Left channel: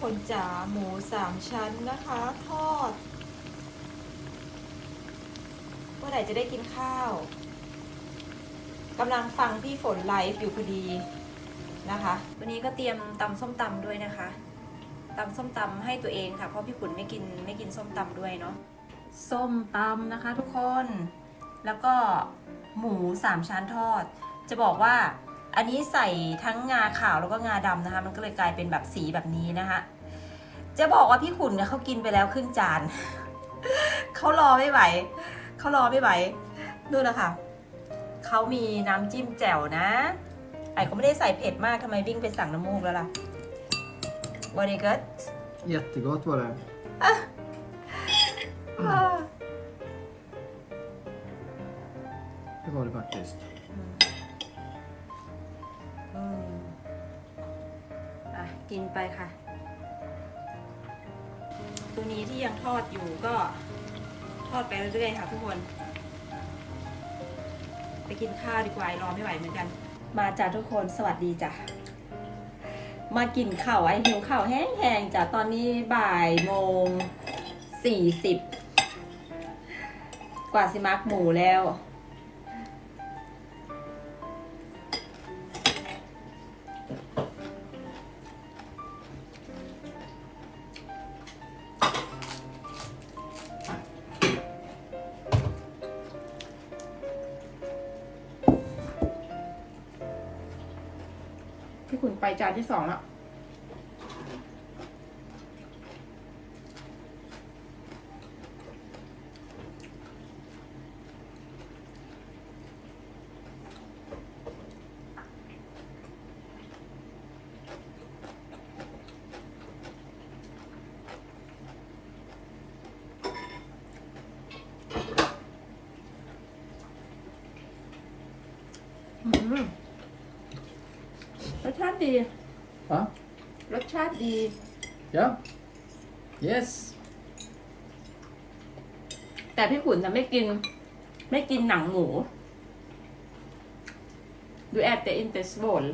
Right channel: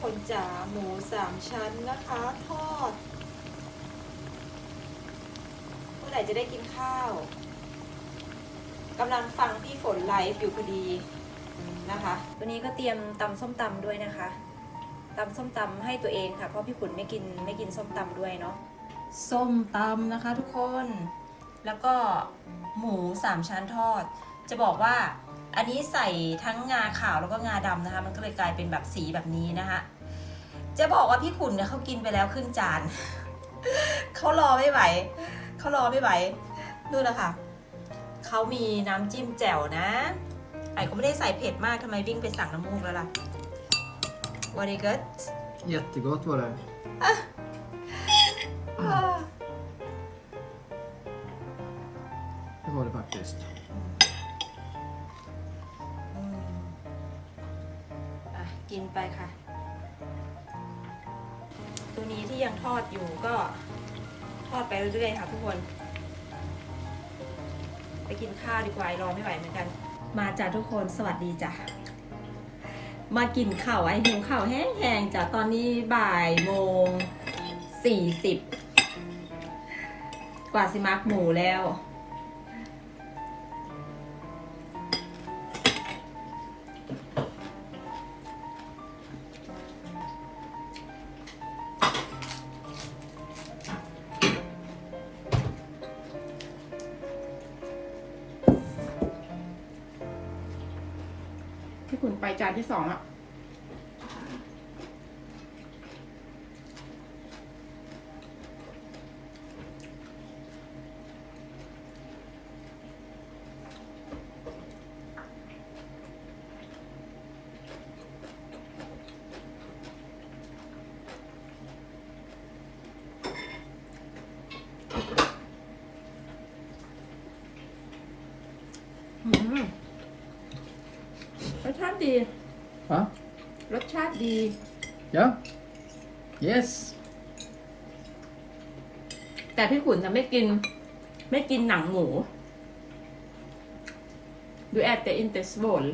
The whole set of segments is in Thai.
คนจ๋าหมูสามชั้นนะคะ ทอด เมื่อไหร่จะได้กินข้าวกำลังฟังพี่ฝนไลฟ์อยู่พอดีนะคะ วันนี้ก็เตรียมตำส้มตำด้วยนะคะตำส้มตำให้ตัวเองค่ะ เพราะพี่ขุนไม่กินไม่กินส้มตำด้วยเนาะส้มตำนะคะทุกคน แล้วก็หมูสามชั้นทอด จะบอกว่า อันนี้ใส่ทั้งงาขาวแล้วก็งาดำนะคะ มันก็เลยกลายเป็นแบบสีแบบนี้นะคะจะบอกว่าพี่ขุนเนี่ยเขากินไปแล้วครึ่งจานเขารอไม่ไหวเขารอไม่ไหวดูนะคะเขามีน้ำจิ้มแจ่วนะไอ้ก็ไม่ได้ใส่เผ็ดมากทำไมวิ่งไปสั่งน้ำมูกแล้วล่ะ Very good Jättegott var det. Det var det faktiskt. กินไปค่ะ ตัวนี้ที่ยังทอดอยู่ก็ทอดไปเรื่อยๆค่ะทุกคน ไปกินข้าวดีกว่ารอไม่ไหวเหมือนกัน มาจ้ะทุกคนสวัสดีจ้ะมากินข้าวไอ้หิวข้าวแห้งๆจ้ะตอนนี้บ่ายโมงสี่สิบกว่าสิมักหมูแล้ว ที่คุณไปจานที่สองแล้ว ติดี Va? รสชาติดี Ja. Yes. แต่พี่ขุนจะไม่กิน ไม่กินหนังหมู Du äter inte svål.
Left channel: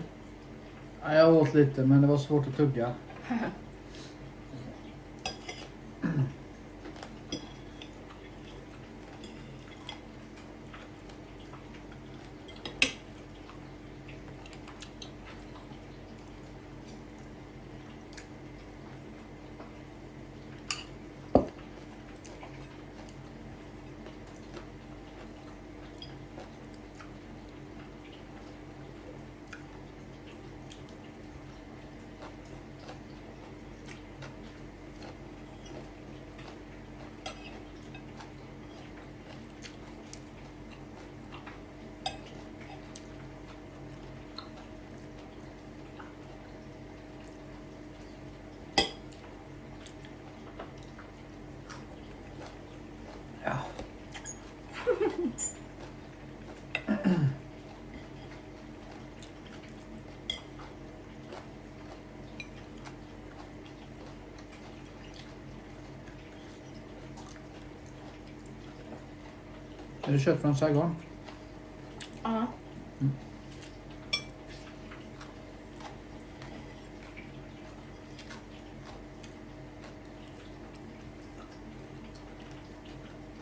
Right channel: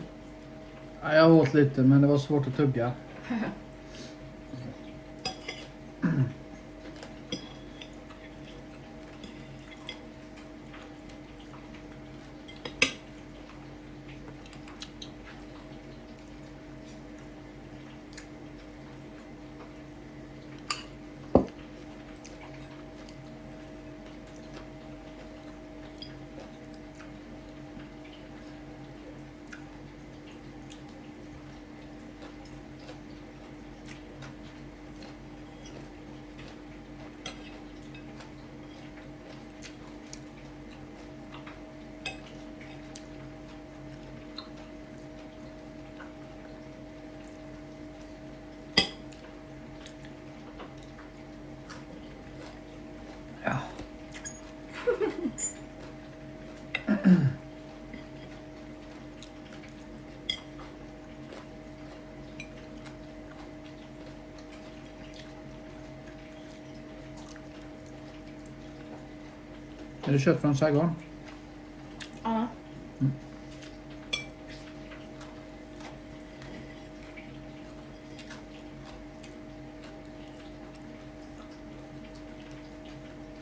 Ja, Jag åt lite men det var svårt att tugga. Är det kött från Saigon? อ๋อ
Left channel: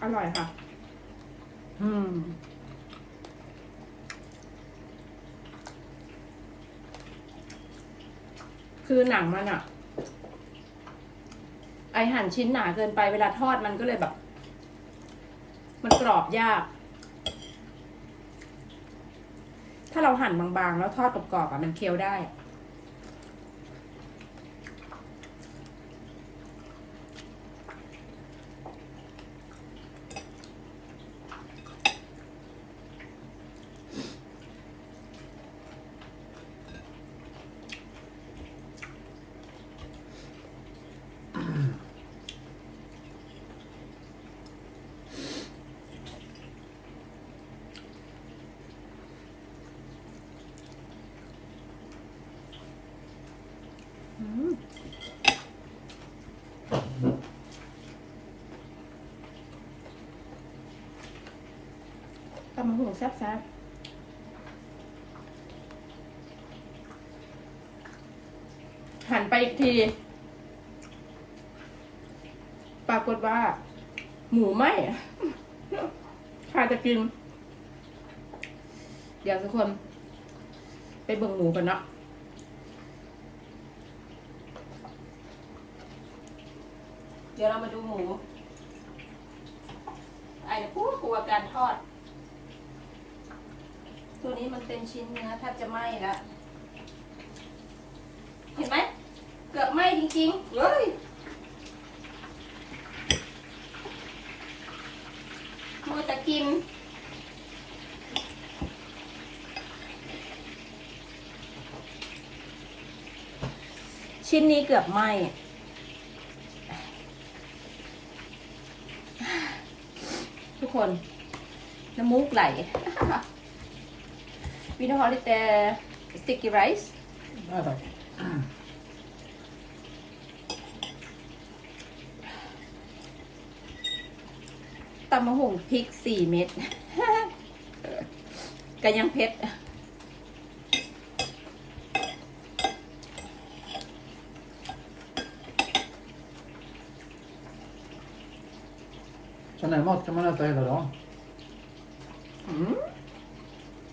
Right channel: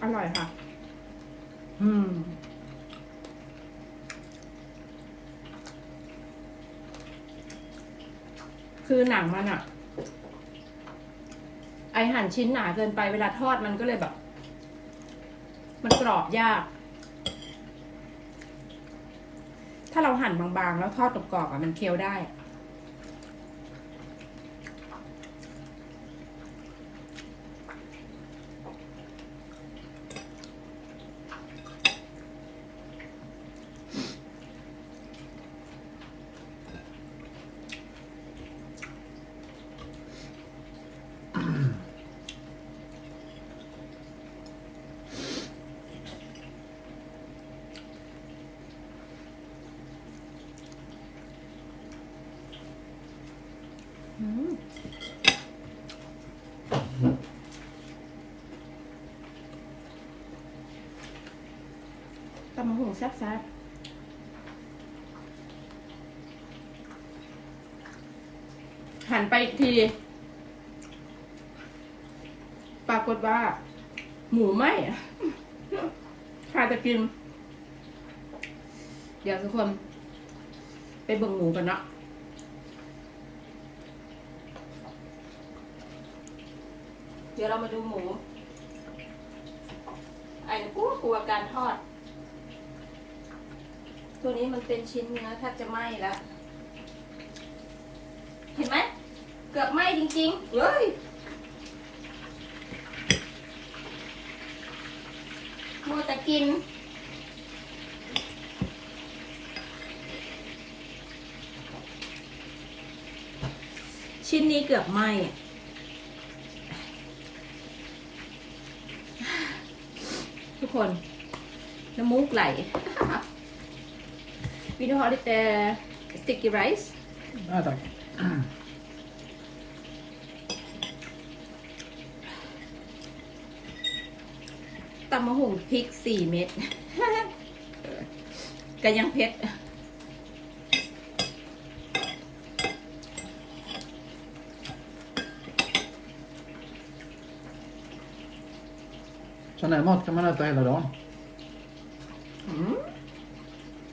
อร่อยค่ะอืมคือหนังมันอะไอหั่นชิ้นหนาเกินไปเวลาทอดมันก็เลยแบบ มันกรอบยาก ถ้าเราหั่นบางๆ แล้วทอดกรอบๆอะมันเคี้ยวได้ อืม ตำมะหูแซ่บๆหันไปอีกที ปรากฏว่า หมูไหมใครจะกินเดี๋ยวทุกคน ไปเบิ่งหมูกันเนาะเดี๋ยวเรามาดูหมู ไอ้กลัวกลัวการทอด ตัวนี้มันเป็นชิ้นเนื้อแทบจะไหม้แล้วเห็นไหมเกือบไหม้จริงๆเลยมัวแต่กินชิ้นนี้เกือบไหม้ทุกคนน้ำมูกไหล วินฮอลิเตสติกกี้ไรซ์ Ja, tack. ตำมะฮุ่งพริกสี่เม็ดก็ยังเผ็ด Sån här mat kan man äta hela dagen. อืม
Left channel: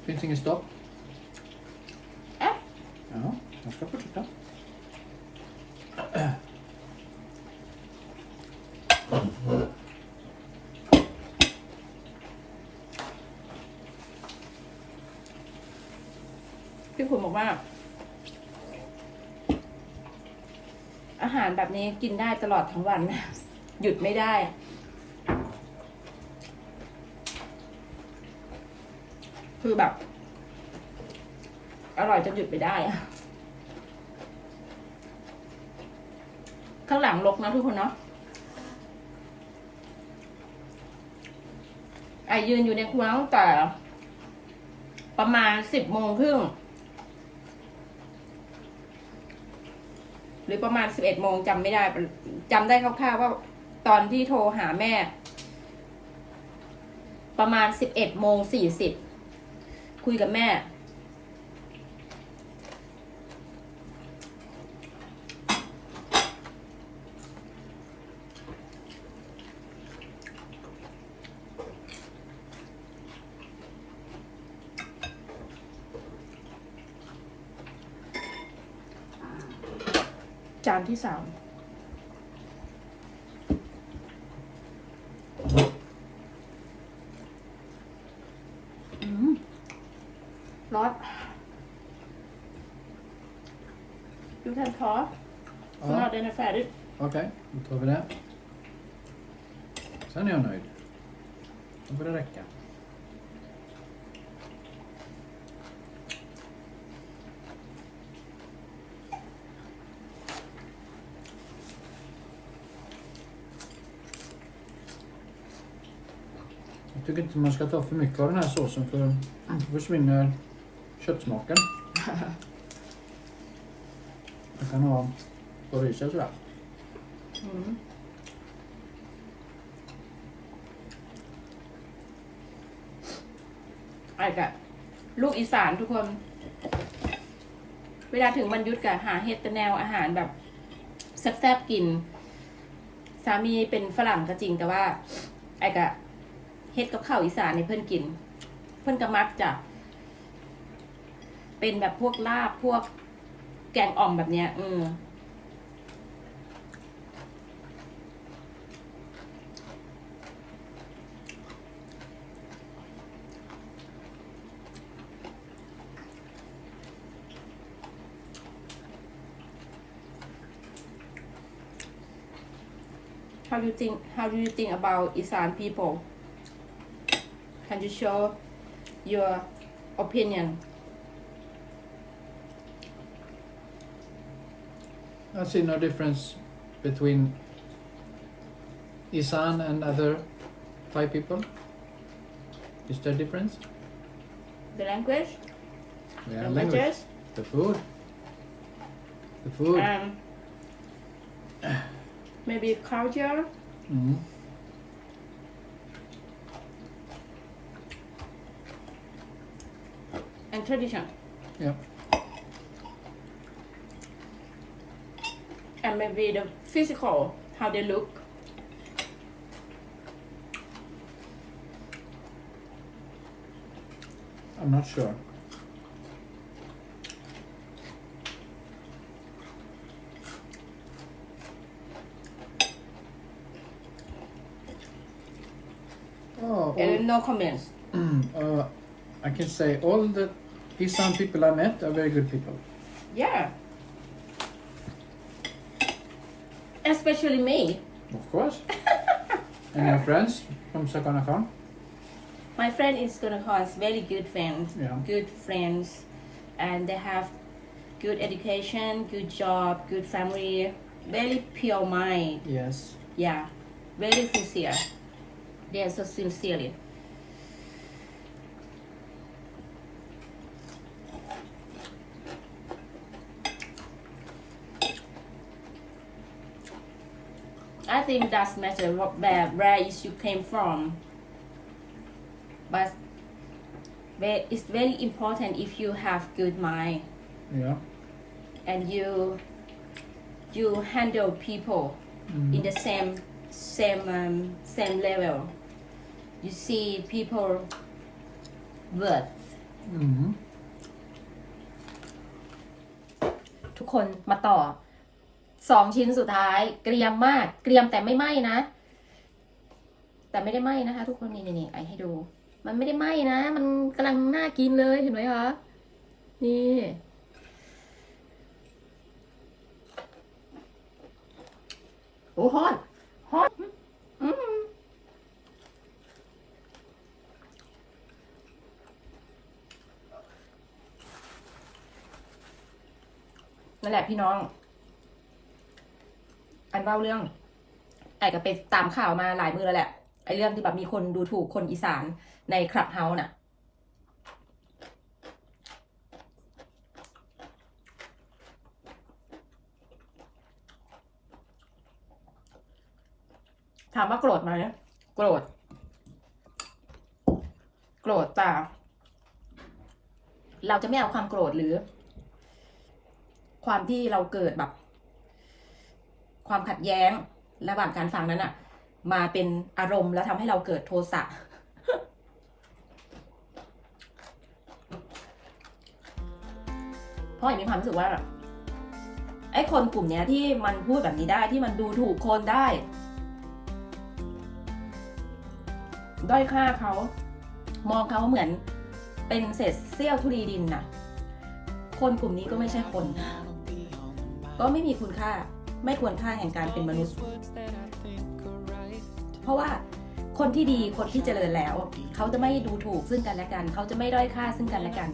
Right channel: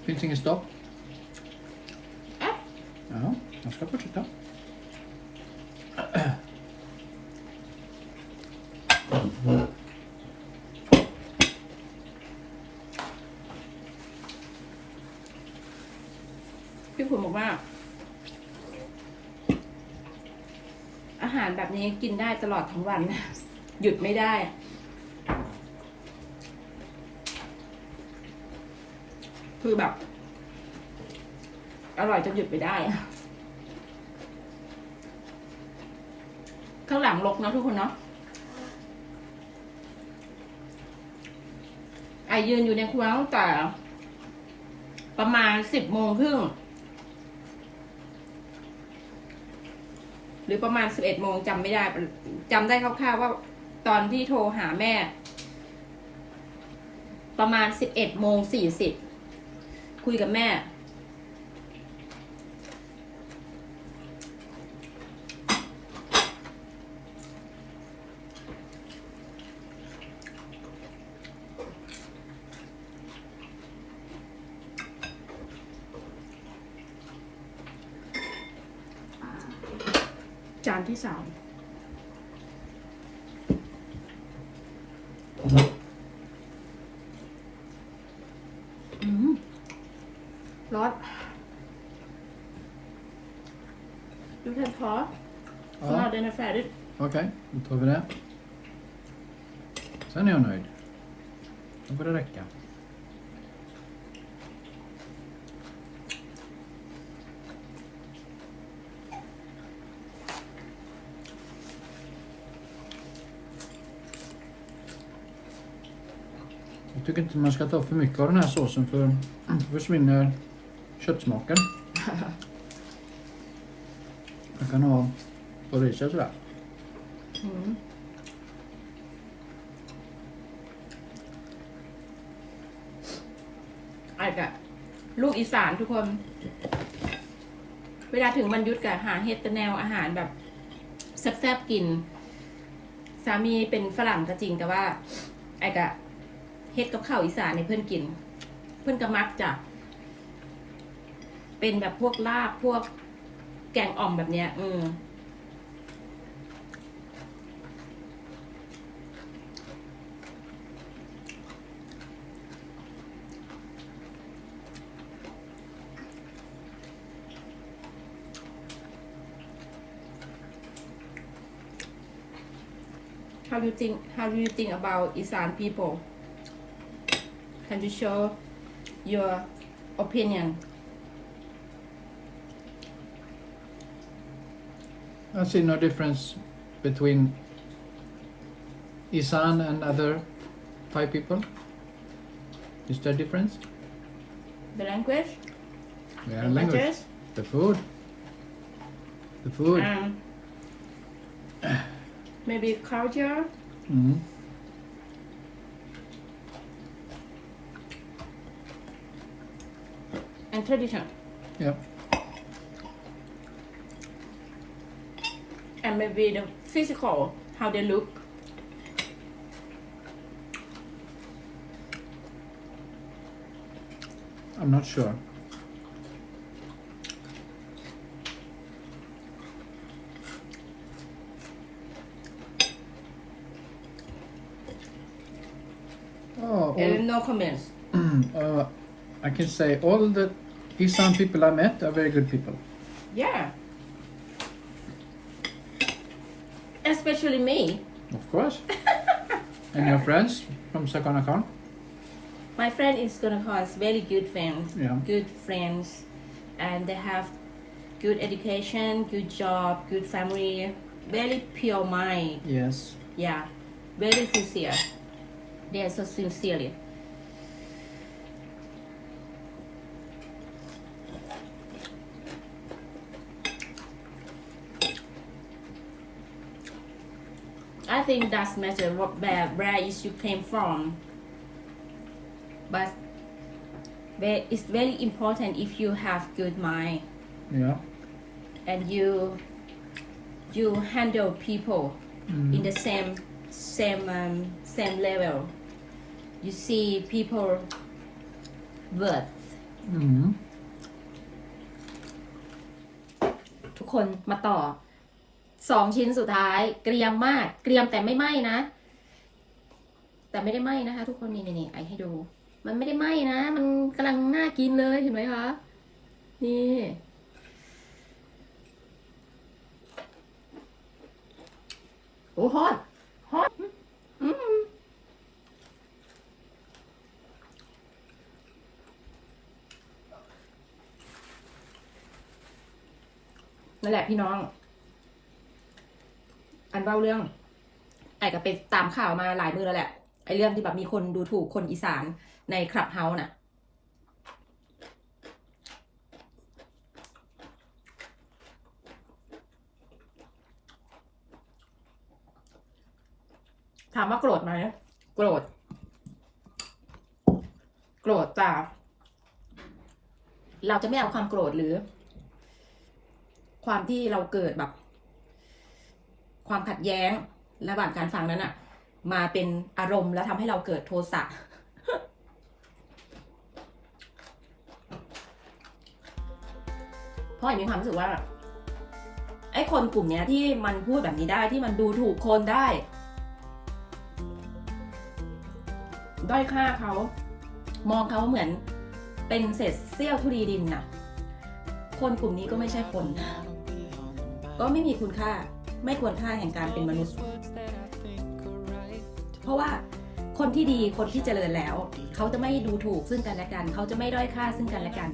Finns ingen stopp. Ja, man ska fortsätta. พี่คุณบอกว่า อาหารแบบนี้กินได้ตลอดทั้งวันหยุดไม่ได้คือแบบ อร่อยจนหยุดไม่ได้ ข้างหลังลกนะทุกคนเนาะไอยืนอยู่ในครัวตั้งแต่ประมาณสิบโมงครึ่งหรือประมาณสิบเอ็ดโมงจำไม่ได้จำได้คร่าวๆว่าตอนที่โทรหาแม่ ประมาณสิบเอ็ดโมงสี่สิบคุยกับแม่ ที่สามอืมร้อนดูท่านพอสมา Ja, เดนแฟร์ดิ okej. Då tar vi det. Sen är jag nöjd. Då får det räcka. Tycker inte man ska ta för mycket av den här såsen för då försvinner köttsmaken. Man kan ha på riset och sådär. อืมไอ้กะลูกอีสานทุกคน เวลาถึงมันยุดกะหาเฮ็ดแต่แนวอาหารแบบแซ่บๆกิน สามีเป็นฝรั่งก็จริงแต่ว่า ไอ้กะเฮ็ดกับข้าวอีสานในเพื่อนกิน เพื่อนก็มักจะเป็นแบบพวกลาบพวกแกงอ่อมแบบเนี้ยอืม How do you think How do you think about Isan people? Can you show your opinion? I see no difference between Isan and other Thai people. Is there difference? The language, Yeah, languages, The food. The food. and maybe culture. Mm. and tradition. Yeah. And maybe the physical, how they look. I'm not sure. Oh, And no comments. uh, I can say all the Isan people I met are very good people. yeah especially me Of course. and your friends from Sakanakan? my friend is gonna cause very good friends Yeah. good friends and they have good education good job good family very pure mind Yes. yeah very sincere they are so sincerely I think that's matter what where where is you came from but ve- it's very important if you have good mind Yeah. and you you handle people Mm. in the same same um, same level you see people worth Mm. ทุกคนมาต่อ สองชิ้นสุดท้าย เกรียมมาก เกรียมแต่ไม่ไหม้นะ แต่ไม่ได้ไหม้นะคะ ทุกคนนี่นี่ไอให้ดู มันไม่ได้ไหม้นะ มันกำลังน่ากินเลยเห็นไหมคะนี่โอ้ฮอตฮอตนั่นแหละพี่น้อง นเล่าเรื่องไอ้ก็ไปตามข่าวมาหลายมือแล้วแหละไอ้เรื่องที่แบบมีคนดูถูกคนอีสานในคลับเฮาส์น่ะ ถามว่าโกรธไหมโกรธ โกรธแต่เราจะไม่เอาความโกรธหรือ ความที่เราเกิดแบบ ความขัดแย้งระหว่างการฟังนั้นอะมาเป็นอารมณ์แล้วทำให้เราเกิดโทสะเพราะอย่างมีความรู้สึกว่าไอ้คนกลุ่มเนี้ยที่มันพูดแบบนี้ได้ที่มันดูถูกคนได้ ด้อยค่าเขา มองเขาเหมือนเป็นเศษเสี้ยวทุลีดินน่ะ คนกลุ่มนี้ก็ไม่ใช่คน ก็ไม่มีคุณค่า ไม่ควรค่าแห่งการเป็นมนุษย์ เพราะว่าคนที่ดีคนที่เจริญแล้ว เขาจะไม่ดูถูกซึ่งกันและกัน เขาจะไม่ด้อยค่าซึ่งกันและกัน